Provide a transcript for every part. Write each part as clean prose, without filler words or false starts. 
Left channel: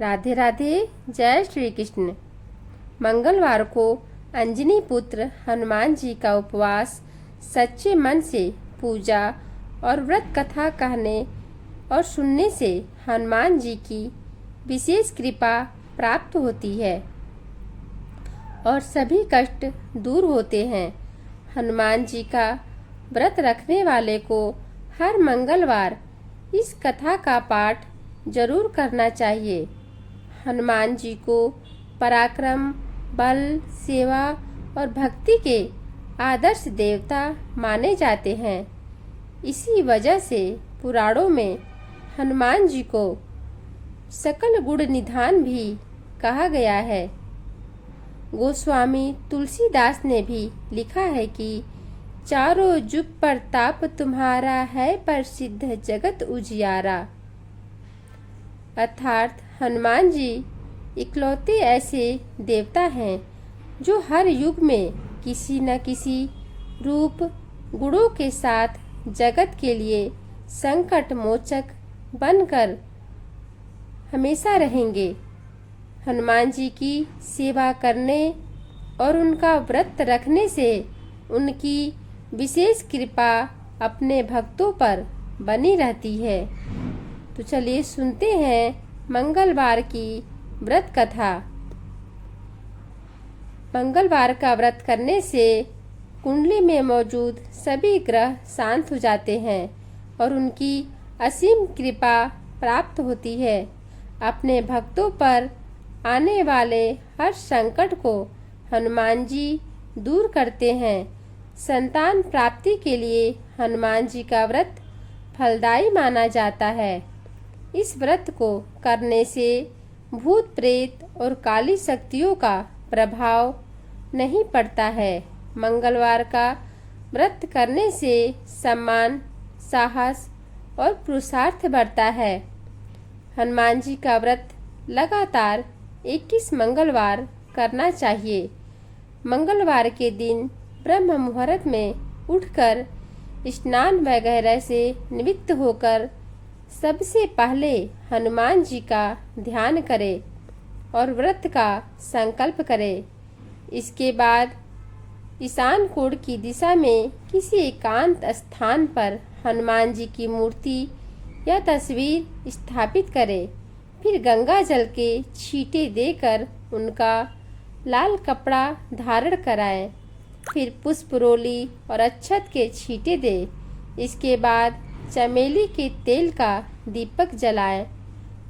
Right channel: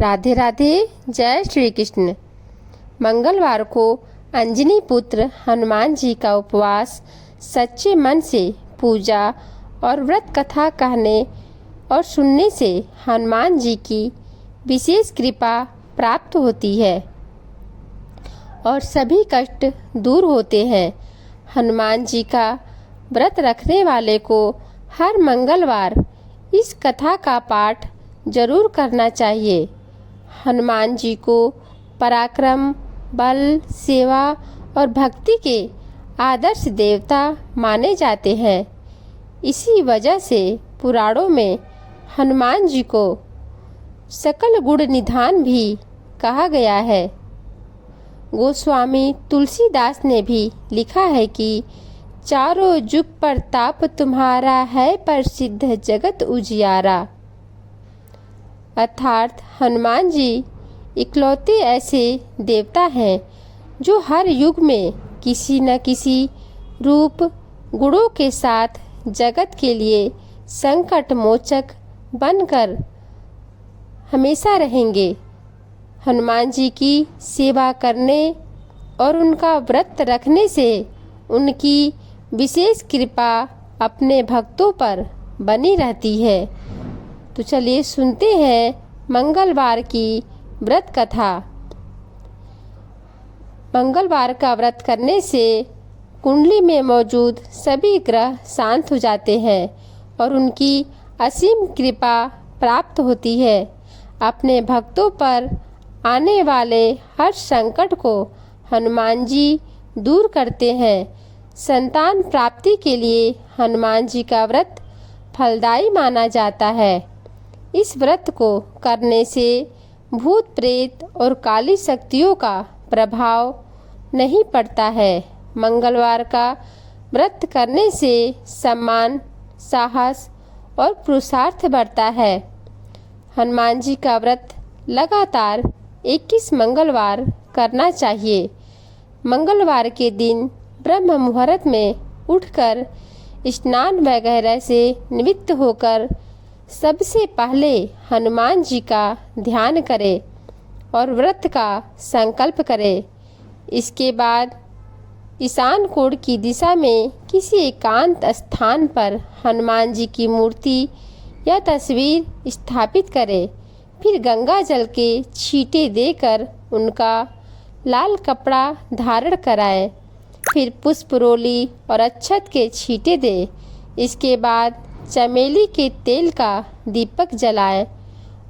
राधे राधे। जय श्री कृष्ण। मंगलवार को अंजनी पुत्र हनुमान जी का उपवास, सच्चे मन से पूजा और व्रत कथा कहने और सुनने से हनुमान जी की विशेष कृपा प्राप्त होती है और सभी कष्ट दूर होते हैं। हनुमान जी का व्रत रखने वाले को हर मंगलवार इस कथा का पाठ जरूर करना चाहिए। हनुमान जी को पराक्रम, बल, सेवा और भक्ति के आदर्श देवता माने जाते हैं। इसी वजह से पुराणों में हनुमान जी को सकल गुण निधान भी कहा गया है। गोस्वामी तुलसीदास ने भी लिखा है कि चारों जुग प्रताप तुम्हारा है प्रसिद्ध जगत उजियारा। अर्थात हनुमान जी इकलौते ऐसे देवता हैं जो हर युग में किसी न किसी रूप गुणों के साथ जगत के लिए संकट मोचक बनकर हमेशा रहेंगे। हनुमान जी की सेवा करने और उनका व्रत रखने से उनकी विशेष कृपा अपने भक्तों पर बनी रहती है। तो चलिए सुनते हैं मंगलवार की व्रत कथा। मंगलवार का व्रत करने से कुंडली में मौजूद सभी ग्रह शांत हो जाते हैं और उनकी असीम कृपा प्राप्त होती है। अपने भक्तों पर आने वाले हर संकट को हनुमान जी दूर करते हैं। संतान प्राप्ति के लिए हनुमान जी का व्रत फलदायी माना जाता है। इस व्रत को करने से भूत प्रेत और काली शक्तियों का प्रभाव नहीं पड़ता है। मंगलवार का व्रत करने से सम्मान, साहस और पुरुषार्थ बढ़ता है। हनुमान जी का व्रत लगातार 21 मंगलवार करना चाहिए। मंगलवार के दिन ब्रह्म मुहूर्त में उठकर स्नान वगैरह से निवृत्त होकर सबसे पहले हनुमान जी का ध्यान करें और व्रत का संकल्प करें। इसके बाद ईशान कोण की दिशा में किसी एकांत स्थान पर हनुमान जी की मूर्ति या तस्वीर स्थापित करें। फिर गंगा जल के छींटे देकर उनका लाल कपड़ा धारण कराएं। फिर पुष्प रोली और अक्षत के छींटे दें। इसके बाद चमेली के तेल का दीपक जलाएं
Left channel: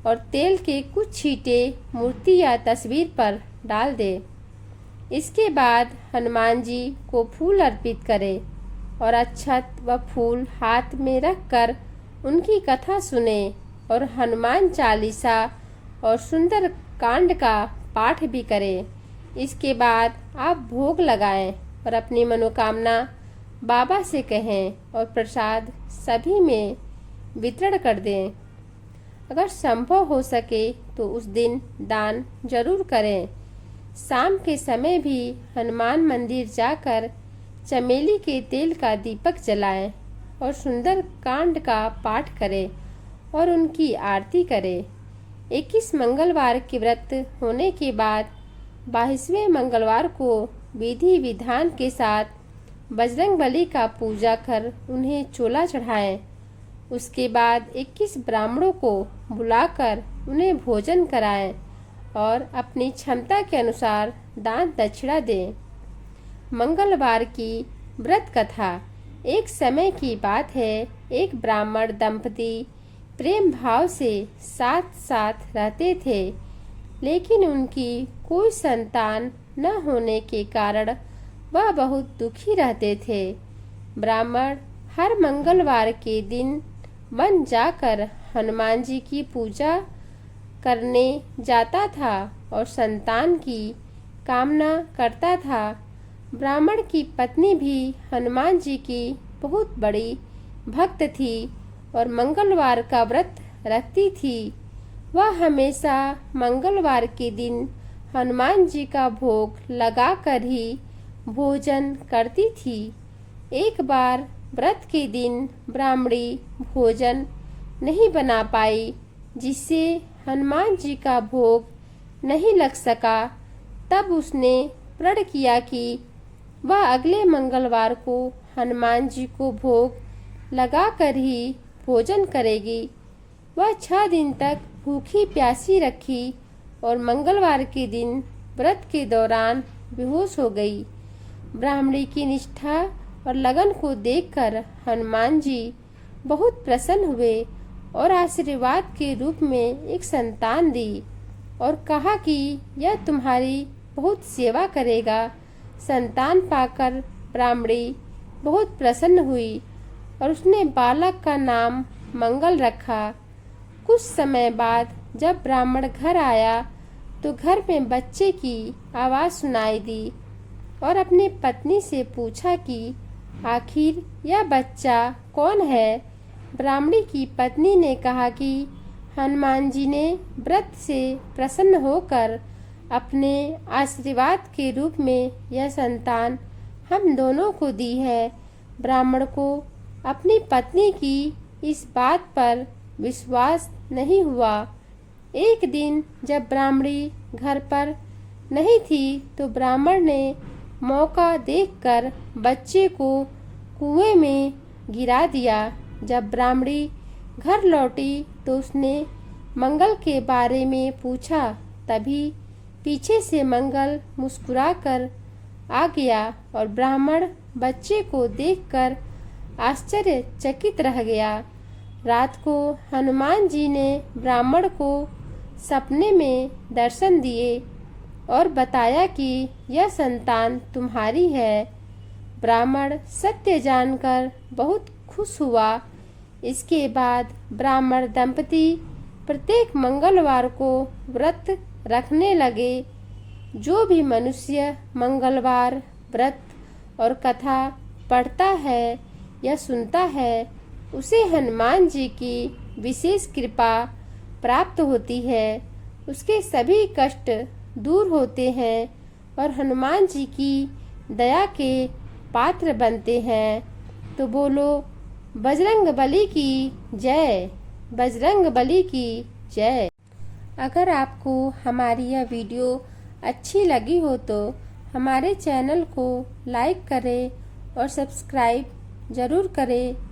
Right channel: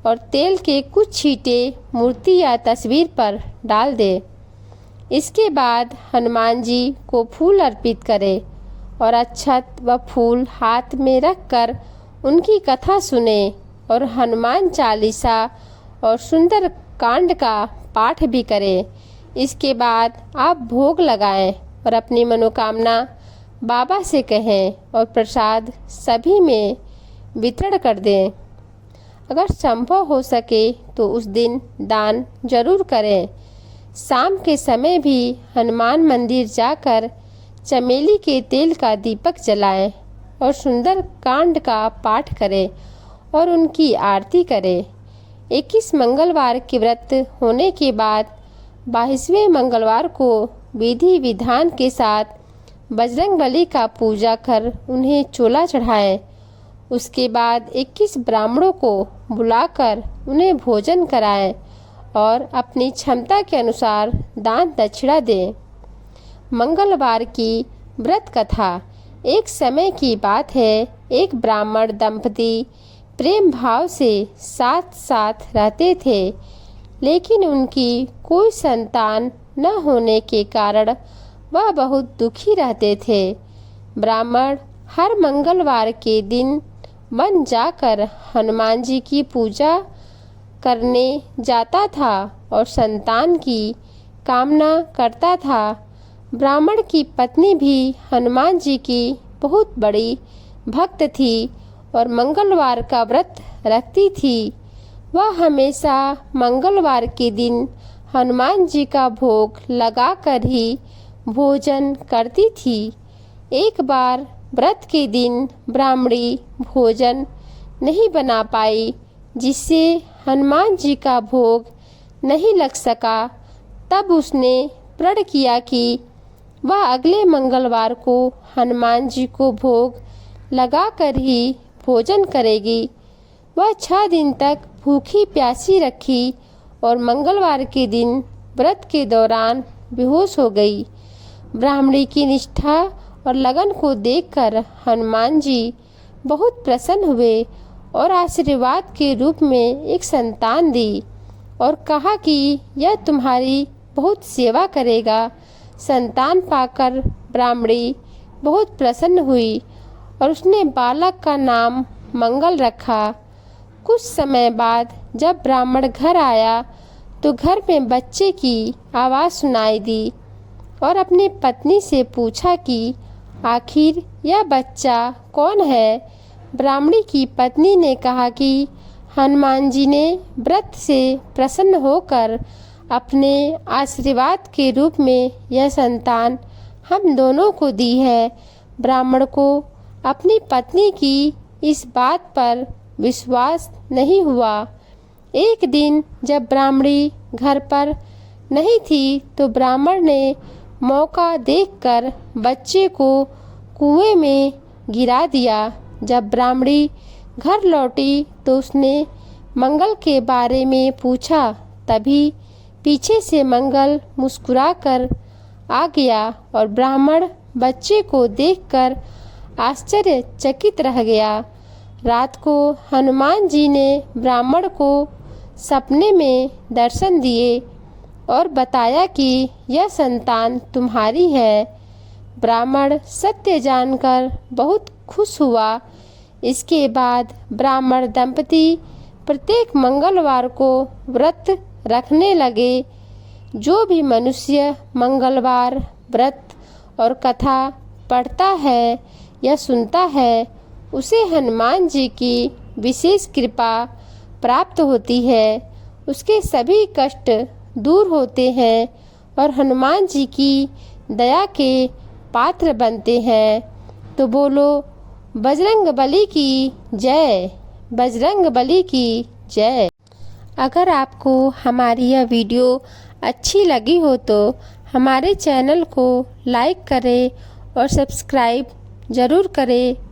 और तेल के कुछ छींटे मूर्ति या तस्वीर पर डाल दें। इसके बाद हनुमान जी को फूल अर्पित करें और अक्षत व फूल हाथ में रखकर उनकी कथा सुने और हनुमान चालीसा और सुंदर कांड का पाठ भी करें। इसके बाद आप भोग लगाएं और अपनी मनोकामना बाबा से कहें और प्रसाद सभी में वितरण कर दें। अगर संभव हो सके तो उस दिन दान जरूर करें। शाम के समय भी हनुमान मंदिर जाकर चमेली के तेल का दीपक जलाएं और सुंदर कांड का पाठ करें और उनकी आरती करें। 21 मंगलवार के व्रत होने के बाद 22वें मंगलवार को विधि विधान के साथ बजरंगबली का पूजा कर उन्हें चोला चढ़ाएं। उसके बाद 21 ब्राह्मणों को बुलाकर उन्हें भोजन कराएं और अपनी क्षमता के अनुसार दान दक्षिणा दें। मंगलवार की व्रत कथा। एक समय की बात है, एक ब्राह्मण दंपति प्रेम भाव से साथ साथ रहते थे, लेकिन उनकी कोई संतान न होने के कारण वह बहुत दुखी रहते थे। ब्राह्मण हर मंगलवार के दिन वन जाकर हनुमान जी की पूजा करने जाता था और संतान की कामना करता था। ब्राह्मण की पत्नी भी हनुमान जी की बहुत बड़ी भक्त थी और मंगलवार का व्रत रखती थी। वह हमेशा मंगलवार के दिन हनुमान जी का भोग लगाकर ही भोजन करती थी। एक बार व्रत के दिन ब्राह्मणी भोजन नहीं बना पाई, जिससे हनुमान जी का भोग नहीं लग सका, तब उसने प्रण किया कि वह अगले मंगलवार को हनुमान जी को भोग लगाकर ही भोजन करेगी। वह 6 दिन तक भूखी प्यासी रखी और मंगलवार के दिन व्रत के दौरान बेहोश हो गई। ब्राह्मणी की निष्ठा और लगन को देखकर हनुमान जी बहुत प्रसन्न हुए और आशीर्वाद के रूप में एक संतान दी और कहा कि यह तुम्हारी बहुत सेवा करेगा। संतान पाकर ब्राह्मणी बहुत प्रसन्न हुई और उसने बालक का नाम मंगल रखा। कुछ समय बाद जब ब्राह्मण घर आया तो घर में बच्चे की आवाज़ सुनाई दी और अपनी पत्नी से पूछा कि आखिर यह बच्चा कौन है। ब्राह्मणी की पत्नी ने कहा कि हनुमान जी ने व्रत से प्रसन्न होकर अपने आशीर्वाद के रूप में यह संतान हम दोनों को दी है। ब्राह्मण को अपनी पत्नी की इस बात पर विश्वास नहीं हुआ। एक दिन जब ब्राह्मणी घर पर नहीं थी तो ब्राह्मण ने मौका देखकर बच्चे को कुएं में गिरा दिया। जब ब्राह्मणी घर लौटी तो उसने मंगल के बारे में पूछा। तभी पीछे से मंगल मुस्कुराकर आ गया और ब्राह्मण बच्चे को देखकर आश्चर्यचकित रह गया। रात को हनुमान जी ने ब्राह्मण को सपने में दर्शन दिए और बताया कि यह संतान तुम्हारी है। ब्राह्मण सत्य जानकर बहुत खुश हुआ। इसके बाद ब्राह्मण दंपति प्रत्येक मंगलवार को व्रत रखने लगे। जो भी मनुष्य मंगलवार व्रत और कथा पढ़ता है या सुनता है उसे हनुमान जी की विशेष कृपा प्राप्त होती है। उसके सभी कष्ट दूर होते हैं और हनुमान जी की दया के पात्र बनते हैं। तो बोलो बजरंगबली की जय, बजरंगबली की जय। अगर आपको हमारी यह वीडियो अच्छी लगी हो तो हमारे चैनल को लाइक करें और सब्सक्राइब ज़रूर करें।